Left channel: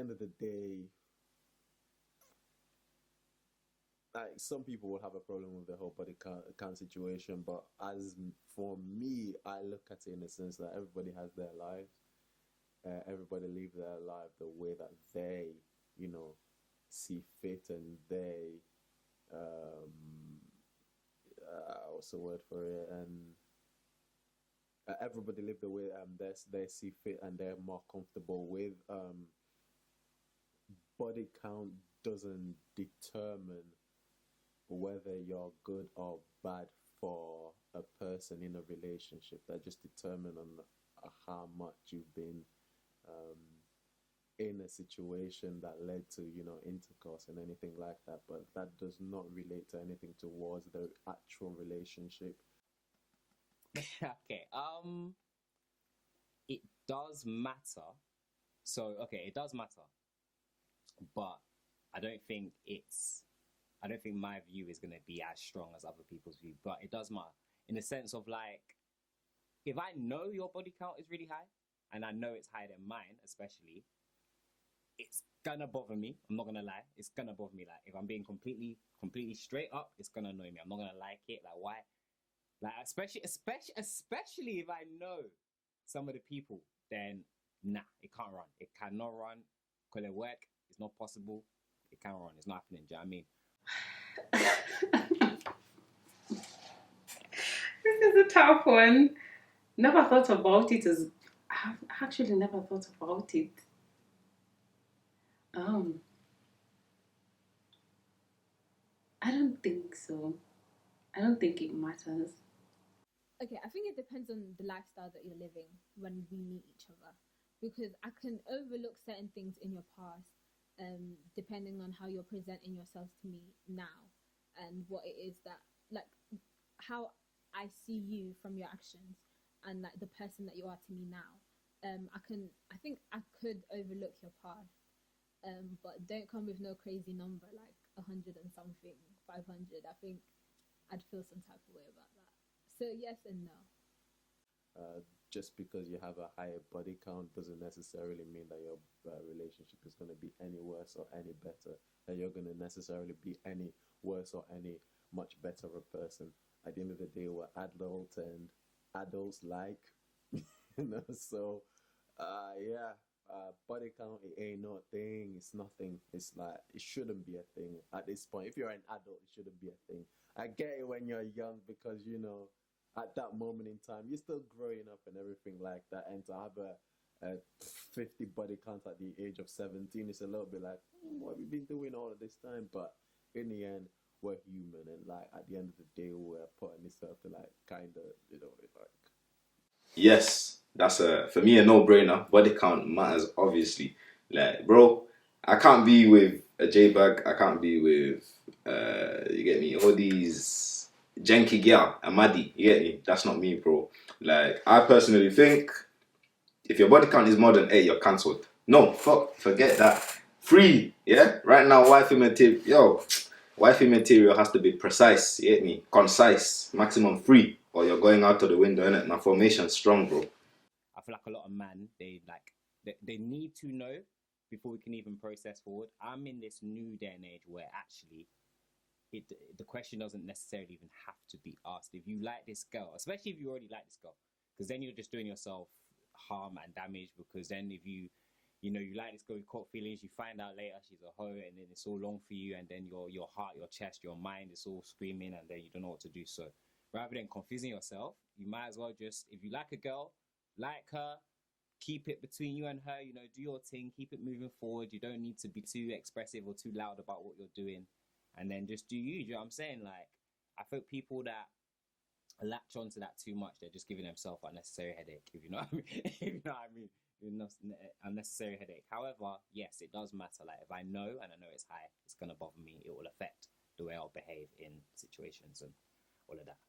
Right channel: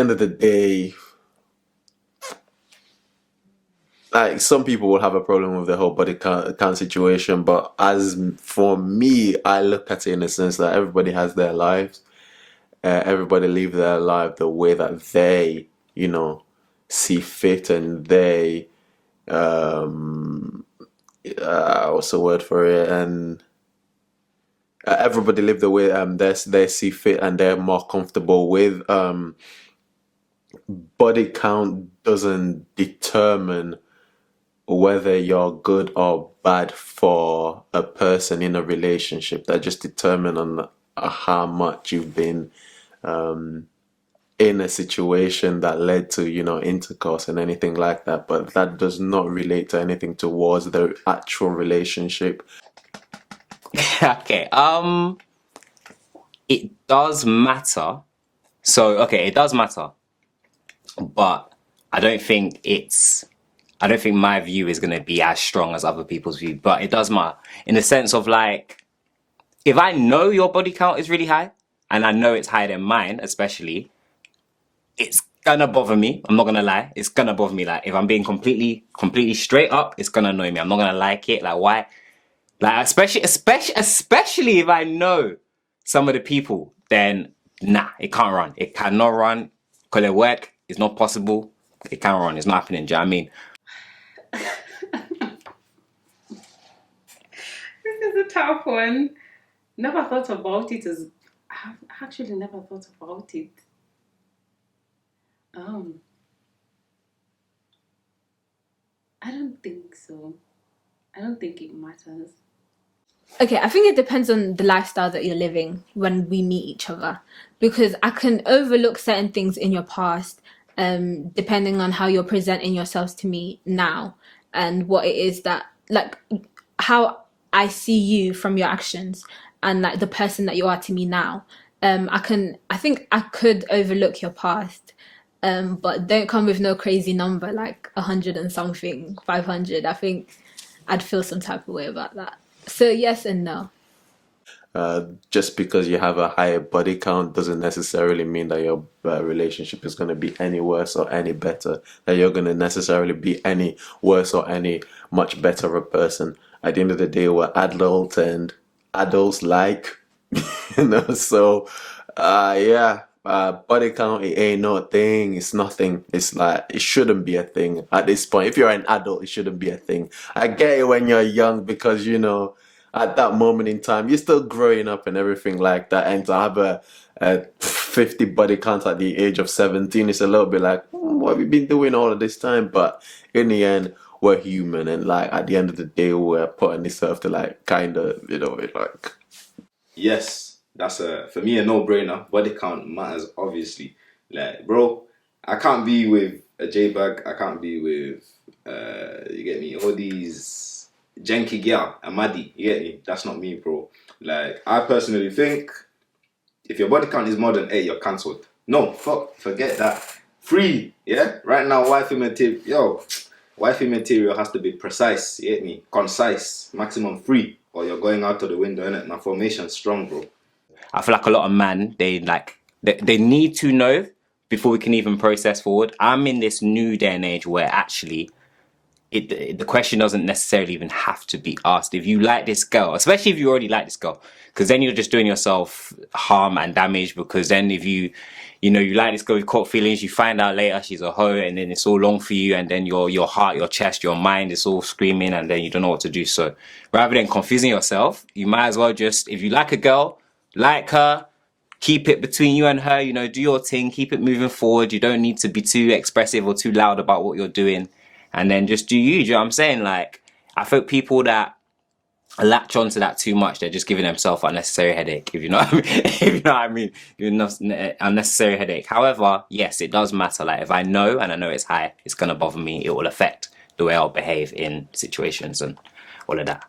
end of the day, like some people will have a problem with the whole body count situation, but as for me, I look at it in the sense that everybody has their lives. Everybody live their life the way that they, see fit, and they, um, what's the word for it? And everybody live the way they see fit and they're more comfortable with. Body count doesn't determine whether you're good or bad for a person in a relationship. That just determine on how much you've been um, in a situation that led to, intercourse and anything like that. But that does not relate to anything towards the actual relationship. Okay, it does matter. So, okay, it does matter, but I don't think my view is going to be as strong as other people's view, but it does matter in the sense of like, if I know your body count is really high, and I know it's higher than mine, especially, it's gonna bother me. I'm not gonna lie. It's gonna bother me. Like, if I'm being completely straight up, it's gonna annoy me. I'm not gonna like it. Like, why? Like, especially if I know some of the people, then nah, it can't run. It cannot run. Call it work. It's not possible. It can't run. It's not happening. Do you know what I mean? This is a tough one. Never thought about it as. I've actually never thought about it. I don't think so. I don't think it matters. Okay, I think it depends on the lifestyle that you're living when we meet each other, because I can overlook certain things in your past, depending on how you're presenting yourselves to me now, and what it is that, like, how I see you from your actions, and like the person that you are to me now. I think I could overlook your past, but don't come with no crazy number like 100 and something, 500. I think I'd feel some type of way about that. So yes and no. Just because you have a higher body count doesn't necessarily mean that your relationship is going to be any worse or any better, that you're going to necessarily be any worse or any much better a person. At the end of the day, we're adults, and adults like, so, yeah. Body count, it ain't no thing. It's nothing. It's like, it shouldn't be a thing at this point. If you're an adult, it shouldn't be a thing. I get it when you're young because, at that moment in time, you're still growing up and everything like that. And to have a 50 body count at the age of 17, it's a little bit like, what have you been doing all of this time? But in the end, we're human. And like, at the end of the day, we're putting this earth to like, kind of, like. Yes, that's for me a no-brainer. Body count matters, obviously. Like, bro, I can't be with a J-bag. I can't be with, you get me, all these janky girl, a Maddie, you get me? That's not me, bro. Like, I personally think if your body count is more than 8, you're cancelled. No, forget that. 3, yeah? Right now, wifey material has to be precise, you get me? Concise, maximum 3, or you're going out of the window, innit? My formation's strong, bro. I feel like a lot of men, they need to know before we can even process forward. I'm in this new day and age where actually the question doesn't necessarily even have to be asked. If you like this girl, especially if you already like this girl, because then you're just doing yourself harm and damage, because then if you like this girl, you've caught feelings, you find out later she's a hoe, and then it's all long for you, and then your heart, your chest, your mind is all screaming, and then you don't know what to do. So rather than confusing yourself, you might as well just, if you like a girl, like her, keep it between you and her, do your thing, keep it moving forward. You don't need to be too expressive or too loud about what you're doing, and then just do you. Do you know what I'm saying? Like, I think people that latch onto that too much, they're just giving themselves unnecessary headache, if you know what I mean. If you know what I mean, unnecessary headache. However, yes, it does matter. Like, if I know and I know it's high, it's gonna bother me. It will affect the way I'll behave in situations and all of that.